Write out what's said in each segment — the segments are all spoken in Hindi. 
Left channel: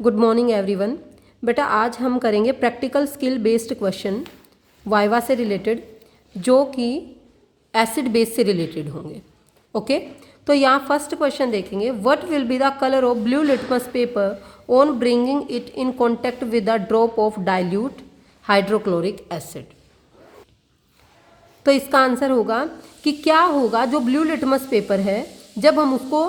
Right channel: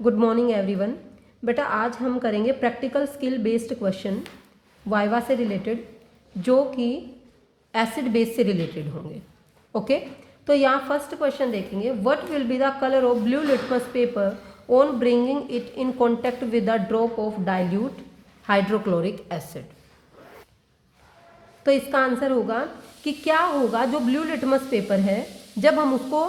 Good morning everyone. बेटा आज हम करेंगे practical skill based question viva से रिलेटेड, जो कि एसिड बेस से रिलेटेड होंगे। ओके, तो यहाँ फर्स्ट क्वेश्चन देखेंगे, what will be the colour of blue litmus paper on bringing it in contact with the drop of dilute hydrochloric acid. तो इसका आंसर होगा कि क्या होगा, जो ब्लू लिटमस पेपर है जब हम उसको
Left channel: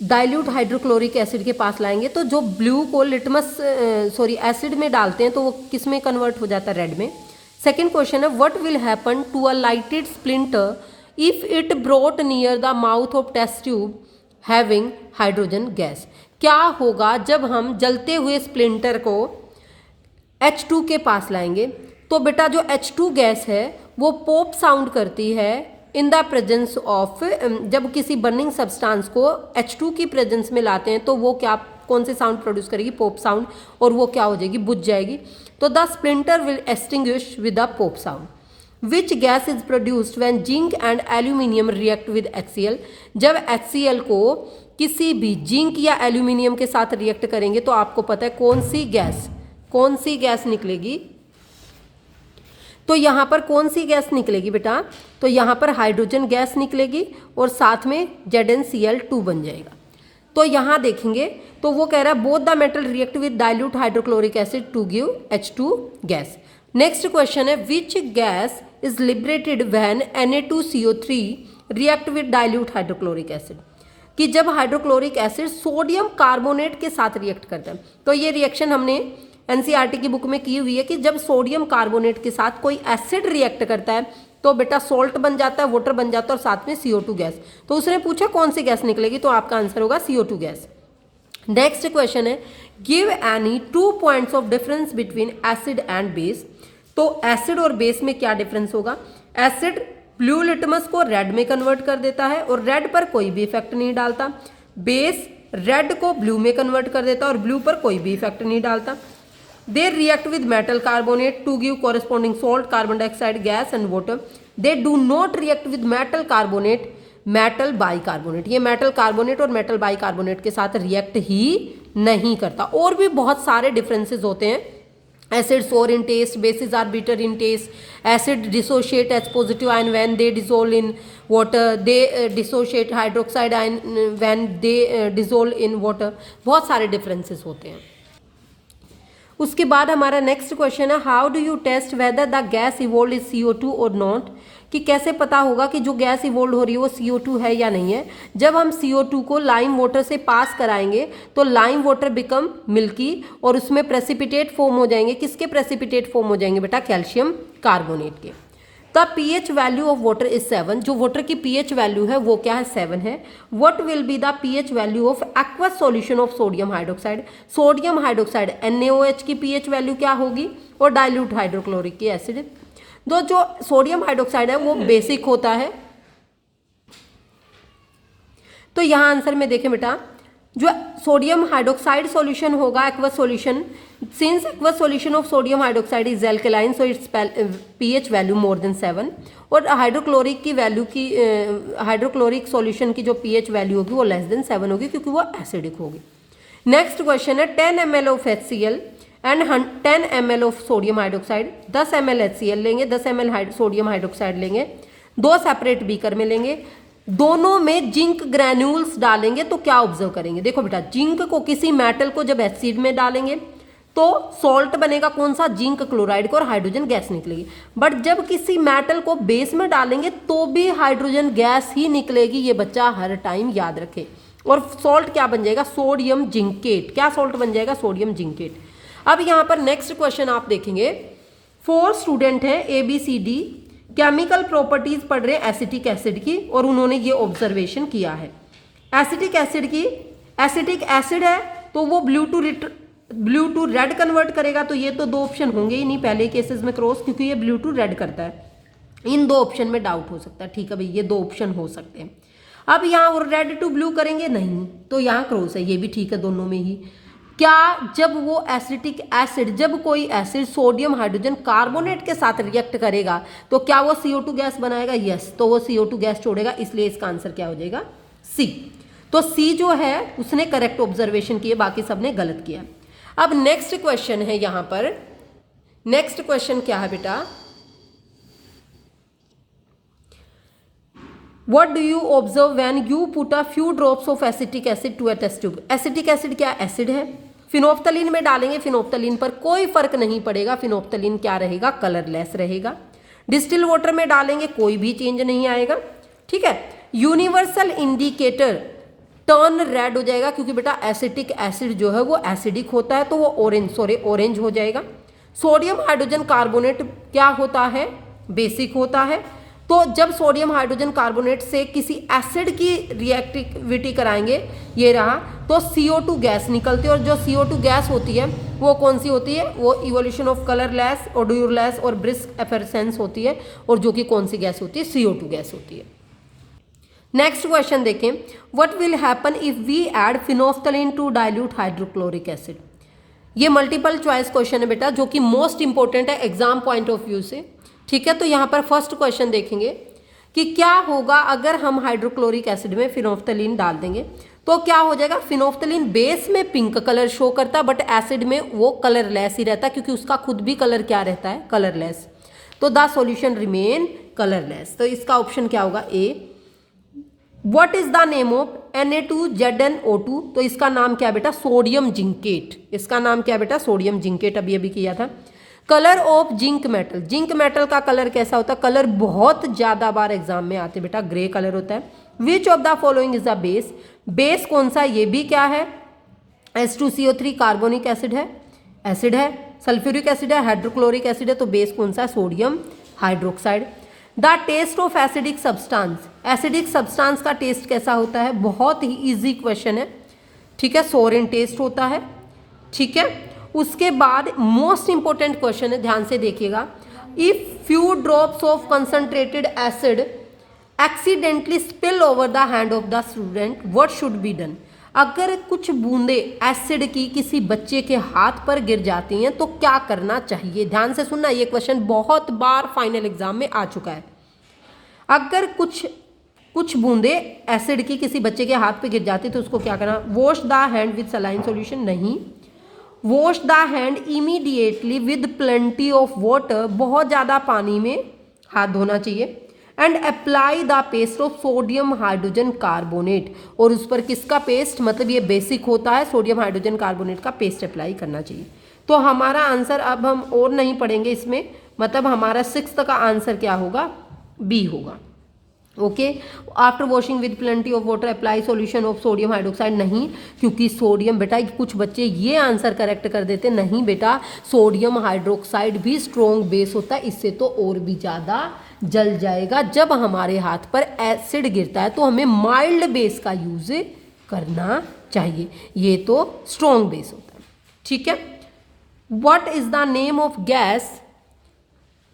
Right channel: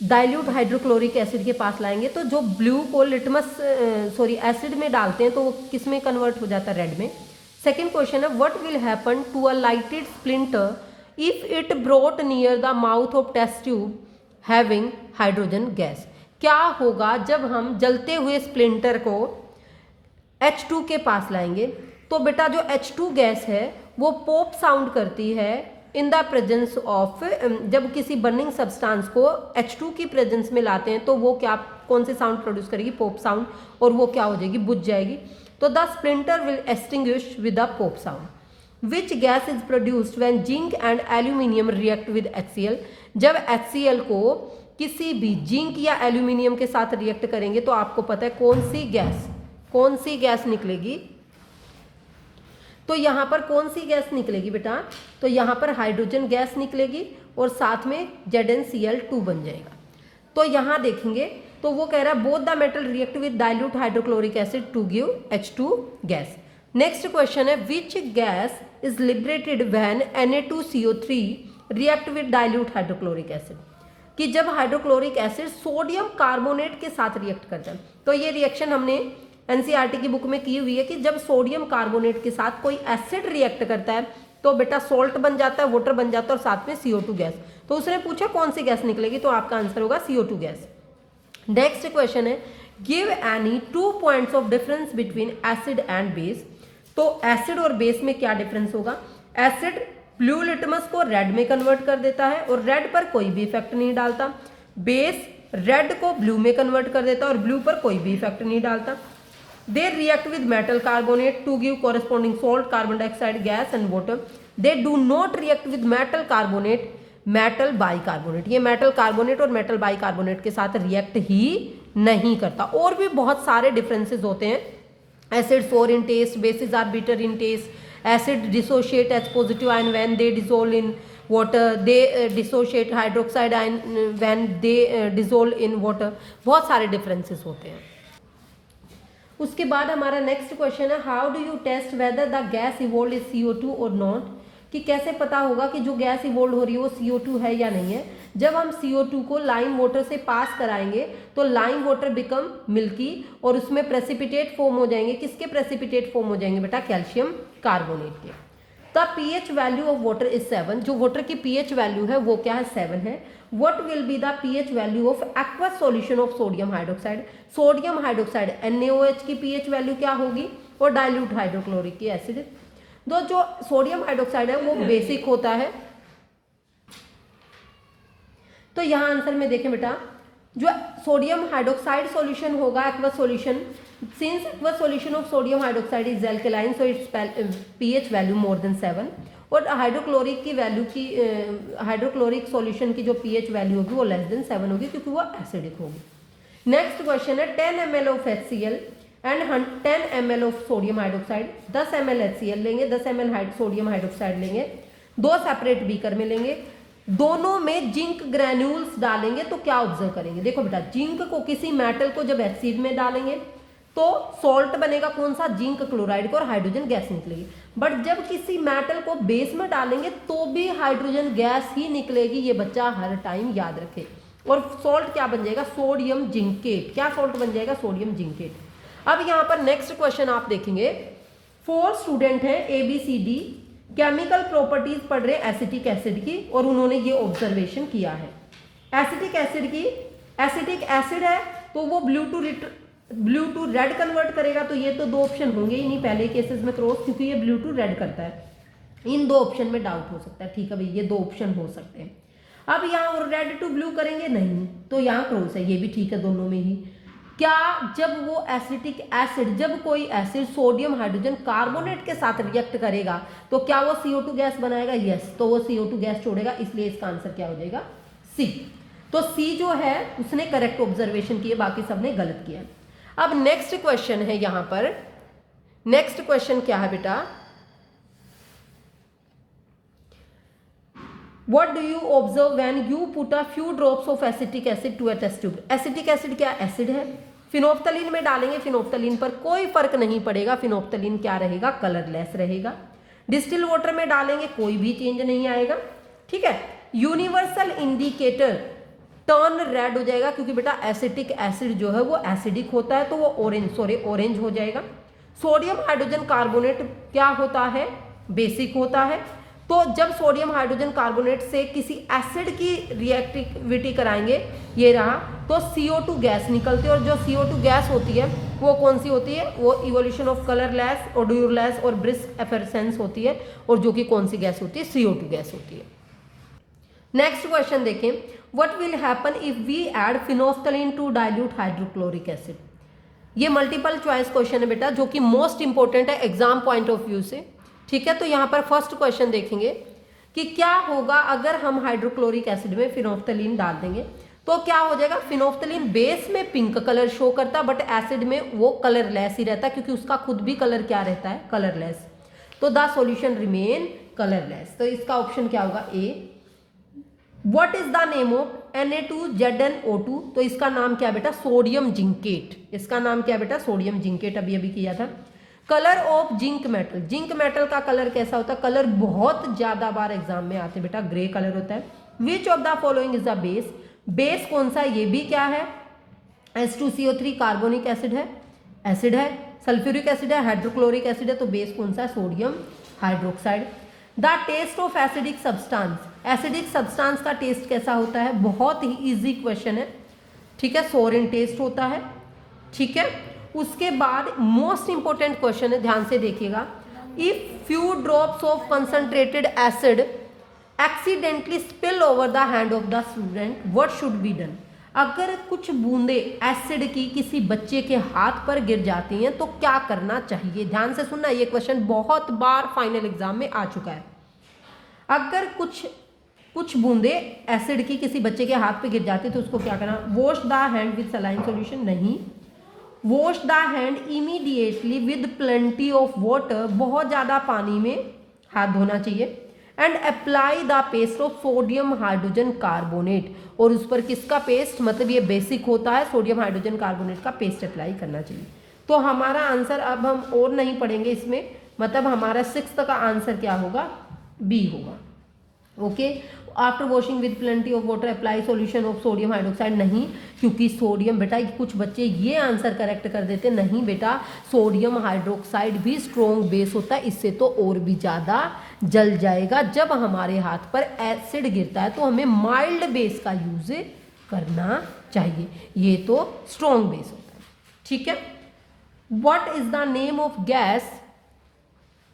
डाइल्यूट हाइड्रोक्लोरिक एसिड के पास लाएंगे तो जो ब्लू को लिटमस एसिड में डालते हैं तो वो किस में कन्वर्ट हो जाता है, रेड में। सेकेंड क्वेश्चन है, what will happen to a lighted splinter if it brought near the mouth of test tube having hydrogen gas. क्या होगा जब हम जलते हुए स्प्लिंटर को H2 के पास लाएंगे तो बेटा जो H2 गैस है वो पॉप साउंड करती है इन द प्रेजेंस ऑफ, जब किसी बर्निंग सब्सटेंस को H2 की प्रेजेंस में लाते हैं तो वो क्या, कौन से साउंड प्रोड्यूस करेगी, पॉप साउंड, और वो क्या हो जाएगी, बुझ जाएगी। तो the splinter will extinguish with the pop sound. Which gas is produced when zinc and aluminium react with HCl। जब HCl को किसी भी जिंक या एल्यूमिनियम के साथ रिएक्ट करेंगे तो आपको पता है कौन सी गैस निकलेगी। तो यहाँ पर कौन सी गैस निकलेगी बेटा, तो यहाँ पर हाइड्रोजन गैस निकलेगी और साथ में ZnCl2 बन जाएगा। तो यहाँ देखेंगे तो वो कह रहा है both the metal react with dilute hydrochloric acid to give H2 gas. Next question है, which gas is liberated when Na2CO3 react with dilute hydrochloric acid. कि जब हाइड्रोक्लोरिक एसिड सोडियम कार्बोनेट के साथ रिएक्ट करता है, तो ये रिएक्शन हमने NCERT की बुक में की हुई है कि जब सोडियम कार्बोनेट के साथ कोई एसिड रिएक्ट करता है तो बेटा सोल्ट बन जाता है, वाटर बन जाता है और साथ में CO2 गैस। तो उसने पूछा कौन सी गैस निकलेगी, तो आपका आंसर होगा CO2 गैस। नेक्स्ट क्वेश्चन है, give any 2 points of difference between acid and base. तो एसिड और बेस में क्या डिफरेंस होगा। एसिड ब्लू लिटमस को रेड में कन्वर्ट कर देता है और रेड पर कोई भी इफेक्ट नहीं डालता। बेस रेड को ब्लू में कन्वर्ट कर देता है और ब्लू पर कोई भी इफेक्ट नहीं डालता। They react with metal carbonate to give corresponding salt, carbon dioxide gas and water. They do not react with metal carbonate, metal bicarbonate. ये metal carbonate और metal bicarbonate के साथ react ही नहीं करता। और भी बहुत सारे differences होते हैं। Acids sour in taste, bases are bitter in taste. Acid dissociate H positive ion when they dissolve in water. They dissociate hydroxide ion when they dissolve in water. बहुत सारे differences होते हैं। उसके बाद हमारा नेक्स्ट क्वेश्चन है, how do you test whether the gas evolve is CO2 और नॉट। कि कैसे पता होगा कि जो गैस इवोल्व हो रही है वो CO2 है या नहीं है। जब हम CO2 को लाइम वाटर से पास कराएंगे तो लाइम वाटर बिकम मिल्की और उसमें प्रेसिपिटेट फॉर्म हो जाएंगे। किसके प्रेसिपिटेट फॉर्म हो जाएंगे बेटा, कैल्शियम कार्बोनेट के। The pH value of water is 7। जो वाटर की pH वैल्यू है वो क्या है, 7 है। What will be the pH value of aqueous solution of sodium hydroxide. Sodium hydroxide NaOH की pH वैल्यू क्या होगी, और डाइल्यूट हाइड्रोक्लोरिक की एसिड। जो सोडियम हाइड्रोक्साइड है वो बेसिक होता है। तो यहाँ आंसर में देखें बेटा, जो सोडियम हाइड्रोक्साइड सॉल्यूशन होगा aqueous solution, since aqueous solution of sodium hydroxide is alkaline so it's pH value more than 7। और हाइड्रोक्लोरिक की वैल्यू की हाइड्रोक्लोरिक सॉल्यूशन की जो pH वैल्यू होगी वो लेस देन 7 होगी क्योंकि वो एसिडिक होगी। नेक्स्ट क्वेश्चन है, 10 ml of HCl and 10 ml of sodium hydroxide. 10 ml HCl लेंगे, 10 ml सोडियम हाइड्रोक्साइड लेंगे, दो सेपरेट बीकर में लेंगे, दोनों में जिंक ग्रैन्यूल्स डालेंगे तो क्या ऑब्जर्व करेंगे। देखो बेटा, जिंक को किसी मेटल को जब एसिड में डालेंगे तो सॉल्ट बनेगा कौन सा, जिंक क्लोराइड को, और हाइड्रोजन गैस निकलेगी। बट जब किसी मेटल को बेस में डालेंगे तो भी हाइड्रोजन गैस ही निकलेगी। ये बच्चा हर टाइम याद रखे। और सॉल्ट क्या बन जाएगा, सोडियम जिंकेट। क्या सॉल्ट बन जाएगा, सोडियम जिंकेट। अब यहाँ पर नेक्स्ट क्वेश्चन आप देखेंगे, 4 स्टूडेंट हैं ABCD, केमिकल प्रॉपर्टीज पढ़ रहे हैं एसिटिक एसिड की, और उन्होंने ये ऑब्जर्वेशन किया है एसिटिक एसिड की। एसिटिक एसिड है तो वो ब्लू टू रेड कन्वर्ट करेगा, तो ये तो 2 ऑप्शन होंगे ही नहीं पहले केसेस में क्रॉस, क्योंकि ये ब्लू टू रेड करता है। इन 2 ऑप्शन में डाउट हो सकता है, ठीक है भाई, ये 2 ऑप्शन हो सकते हैं। अब यहाँ रेड टू ब्लू करेंगे नहीं, तो यहाँ क्रॉस है, ये भी ठीक है दोनों में ही। क्या जब वो एसिटिक एसिड, जब कोई एसिड सोडियम हाइड्रोजन कार्बोनेट के साथ रिएक्ट करेगा तो क्या वो CO2 गैस बनाएगा, यस, तो वो CO2 गैस छोड़ेगा, इसलिए इसका आंसर क्या हो जाएगा, C। तो सी जो है उसने करेक्ट ऑब्जर्वेशन किए, बाकी सबने गलत किया। अब नेक्स्ट क्वेश्चन है यहां पर, नेक्स्ट क्वेश्चन क्या है बेटा, What do you observe when you put a few drops of acetic acid to a test tube? Acetic acid क्या एसिड है, फिनोफ्थलीन में डालेंगे, फिनोफ्थलीन पर कोई फर्क नहीं पड़ेगा, फिनोफ्थलीन क्या रहेगा, कलरलेस रहेगा। डिस्टिल वाटर में डालेंगे कोई भी चेंज नहीं आएगा, ठीक है। यूनिवर्सल इंडिकेटर टर्न रेड हो जाएगा, क्योंकि बेटा एसिटिक एसिड जो है वो एसिडिक होता है, तो वो ऑरेंज हो जाएगा। सोडियम हाइड्रोजन कार्बोनेट क्या होता है, बेसिक होता है। तो जब सोडियम हाइड्रोजन कार्बोनेट से किसी एसिड की रिएक्टिविटी कराएंगे, ये रहा, तो CO2 गैस निकलती है, और जो CO2 गैस होती है वो कौन सी होती है, वो इवोल्यूशन ऑफ कलरलेस, ओडोरलेस और ब्रिस्क एफेरेसेंस होती है, और जो कि कौन सी गैस होती है, CO2 गैस होती है। नेक्स्ट क्वेश्चन देखें, what will happen if we add phenolphthalein to dilute hydrochloric acid. ये मल्टीपल चॉइस क्वेश्चन है बेटा, जो कि मोस्ट इंपॉर्टेंट है एग्जाम पॉइंट ऑफ व्यू से, ठीक है। तो यहाँ पर फर्स्ट क्वेश्चन देखेंगे कि क्या होगा अगर हम हाइड्रोक्लोरिक एसिड में फिनोफ्थलीन डाल देंगे, तो क्या हो जाएगा, फिनोफ्थलीन बेस में पिंक कलर शो करता है, बट एसिड में वो कलरलेस ही रहता है, क्योंकि उसका खुद भी कलर क्या रहता है, कलरलेस। तो द सॉल्यूशन रिमेन कलरलेस। तो इसका ऑप्शन क्या होगा, A. What is the name of Na2ZnO2, तो इसका नाम क्या बेटा, सोडियम जिंकेट। इसका नाम क्या बेटा, सोडियम जिंकेट, अभी अभी किया था। Colour of zinc metal, zinc metal का कलर कैसा होता है, कलर बहुत ज्यादा बार एग्जाम में आते बेटा, ग्रे कलर होता है। Which of the following is the base, base कौन सा, ये भी क्या है, H2CO3 कार्बोनिक एसिड है, एसिड है। सल्फ्यूरिक एसिड है, हाइड्रोक्लोरिक एसिड है, तो बेस कौन सा है, sodium hydroxide. The test of acidic substance, acidic substance का टेस्ट कैसा होता है, बहुत ही इजी क्वेश्चन है, ठीक है, सोरिन टेस्ट होता है, ठीक है। उसके बाद मोस्ट इंपॉर्टेंट क्वेश्चन है, ध्यान से देखिएगा, if few drops of concentrated acid accidentally spill over the hand of the student, what should be done. अगर कुछ बूंदे एसिड की किसी बच्चे के हाथ पर गिर जाती हैं तो क्या करना चाहिए, ध्यान से सुनना, ये क्वेश्चन बहुत बार फाइनल एग्जाम में आ चुका है। अगर कुछ बूंदे एसिड की किसी बच्चे के हाथ पे गिर जाती तो उसको क्या करना, wash the hand with saline solution, नहीं। Wash the hand immediately with plenty of water, बहुत ज़्यादा पानी में हाथ धोना चाहिए। And apply the paste of sodium hydrogen carbonate, और उस पर किसका पेस्ट, मतलब ये बेसिक होता है, सोडियम हाइड्रोजन कार्बोनेट का पेस्ट अप्लाई करना चाहिए। तो हमारा आंसर, अब हम और नहीं पढ़ेंगे इसमें, मतलब हमारा 6th का आंसर क्या होगा, बी होगा। Okay, after washing with plenty of water apply solution of sodium hydroxide, नहीं, क्योंकि सोडियम, बेटा कुछ बच्चे ये आंसर करेक्ट कर देते, नहीं बेटा, सोडियम हाइड्रोक्साइड भी स्ट्रॉन्ग बेस होता है, इससे तो और भी ज़्यादा जल जाएगा। जब हमारे हाथ पर एसिड गिरता है तो हमें माइल्ड बेस का यूज करना चाहिए, ये तो स्ट्रॉन्ग बेस होता है, ठीक है। What is the name of gas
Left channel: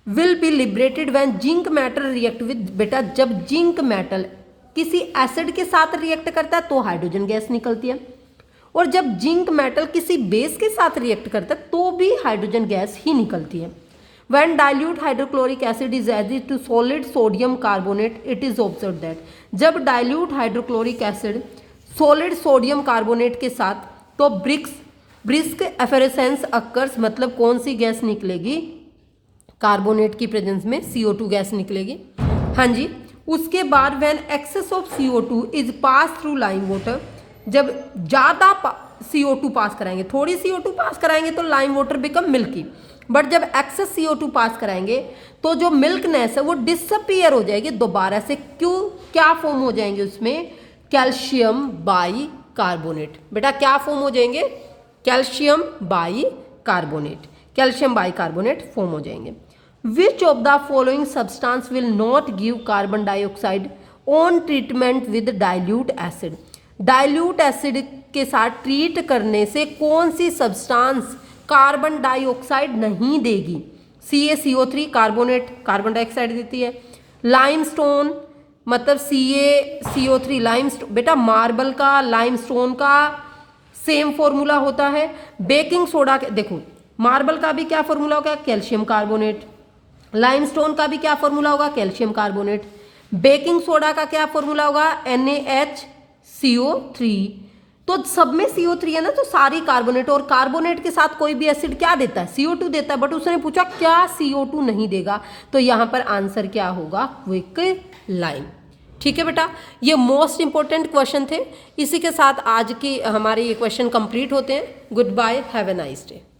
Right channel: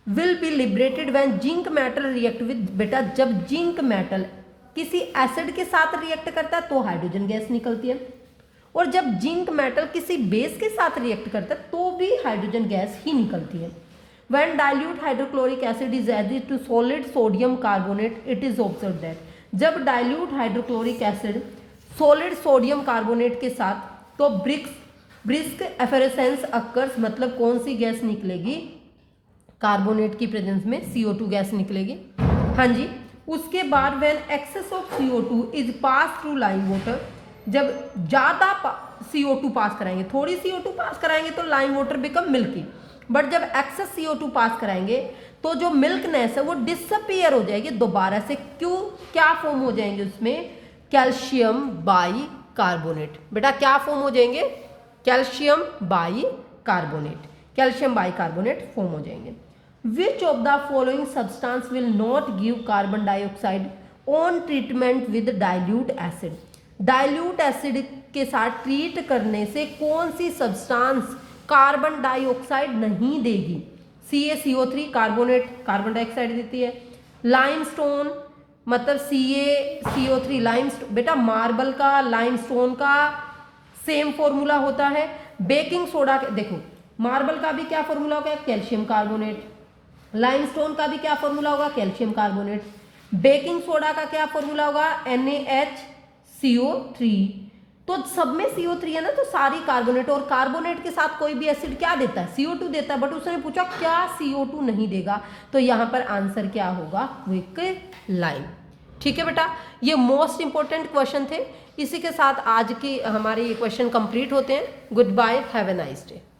will be liberated when zinc metal react with, बेटा जब जिंक मेटल किसी एसिड के साथ रिएक्ट करता है तो हाइड्रोजन गैस निकलती है, और जब जिंक मेटल किसी बेस के साथ रिएक्ट करता है तो भी हाइड्रोजन गैस ही निकलती है। When dilute hydrochloric acid is added to solid sodium carbonate, it is observe that, जब dilute hydrochloric acid solid sodium carbonate के साथ, तो ब्रिस्क एफेरेसेंस अकर्स, मतलब कौन सी गैस निकलेगी, कार्बोनेट की प्रेजेंस में CO2 गैस निकलेगी, हाँ जी। उसके बाद when excess of CO2 is pass through lime water, जब ज़्यादा CO2 पास कराएंगे, थोड़ी CO2 पास कराएंगे तो lime water become milky, but जब एक्सेस CO2 पास कराएंगे तो जो मिल्कनेस है वो डिसअपियर हो जाएगी दोबारा से, क्यों, क्या फॉर्म हो जाएंगे उसमें, कैल्शियम बाई कार्बोनेट, बेटा क्या फॉर्म हो जाएंगे, calcium by carbonate, calcium by carbonate form हो जाएंगे। Which of the following substance will not give carbon dioxide on treatment with dilute acid? Dilute acid के साथ ट्रीट करने से कौन सी सब्सटेंस कार्बन डाइऑक्साइड नहीं देगी, CaCO3 कार्बोनेट कार्बन डाइऑक्साइड देती है, लाइमस्टोन मतलब CaCO3 लाइमस्टोन, बेटा मार्बल का लाइमस्टोन का सेम फॉर्मूला होता है, बेकिंग सोडा देखो मार्बल का भी क्या फॉर्मूला होगा, कैल्शियम कार्बोनेट, लाइमस्टोन का भी क्या फॉर्मूला होगा, कैल्शियम कार्बोनेट, बेकिंग सोडा का क्या फॉर्मूला होगा, NaHC CO3, तो सब में CO3 है ना, तो सारी कार्बोनेट, और कार्बोनेट के साथ कोई भी एसिड क्या देता है, CO2 देता है, बट उसने पूछा क्या CO2 नहीं देगा, तो यहाँ पर आंसर क्या होगा, क्विक लाइम। ठीक है बेटा, ये मोस्ट इंपॉर्टेंट क्वेश्चन थे। इसी के साथ आज की हमारे ये क्वेश्चन कंप्लीट होते हैं। Good bye, have a nice day.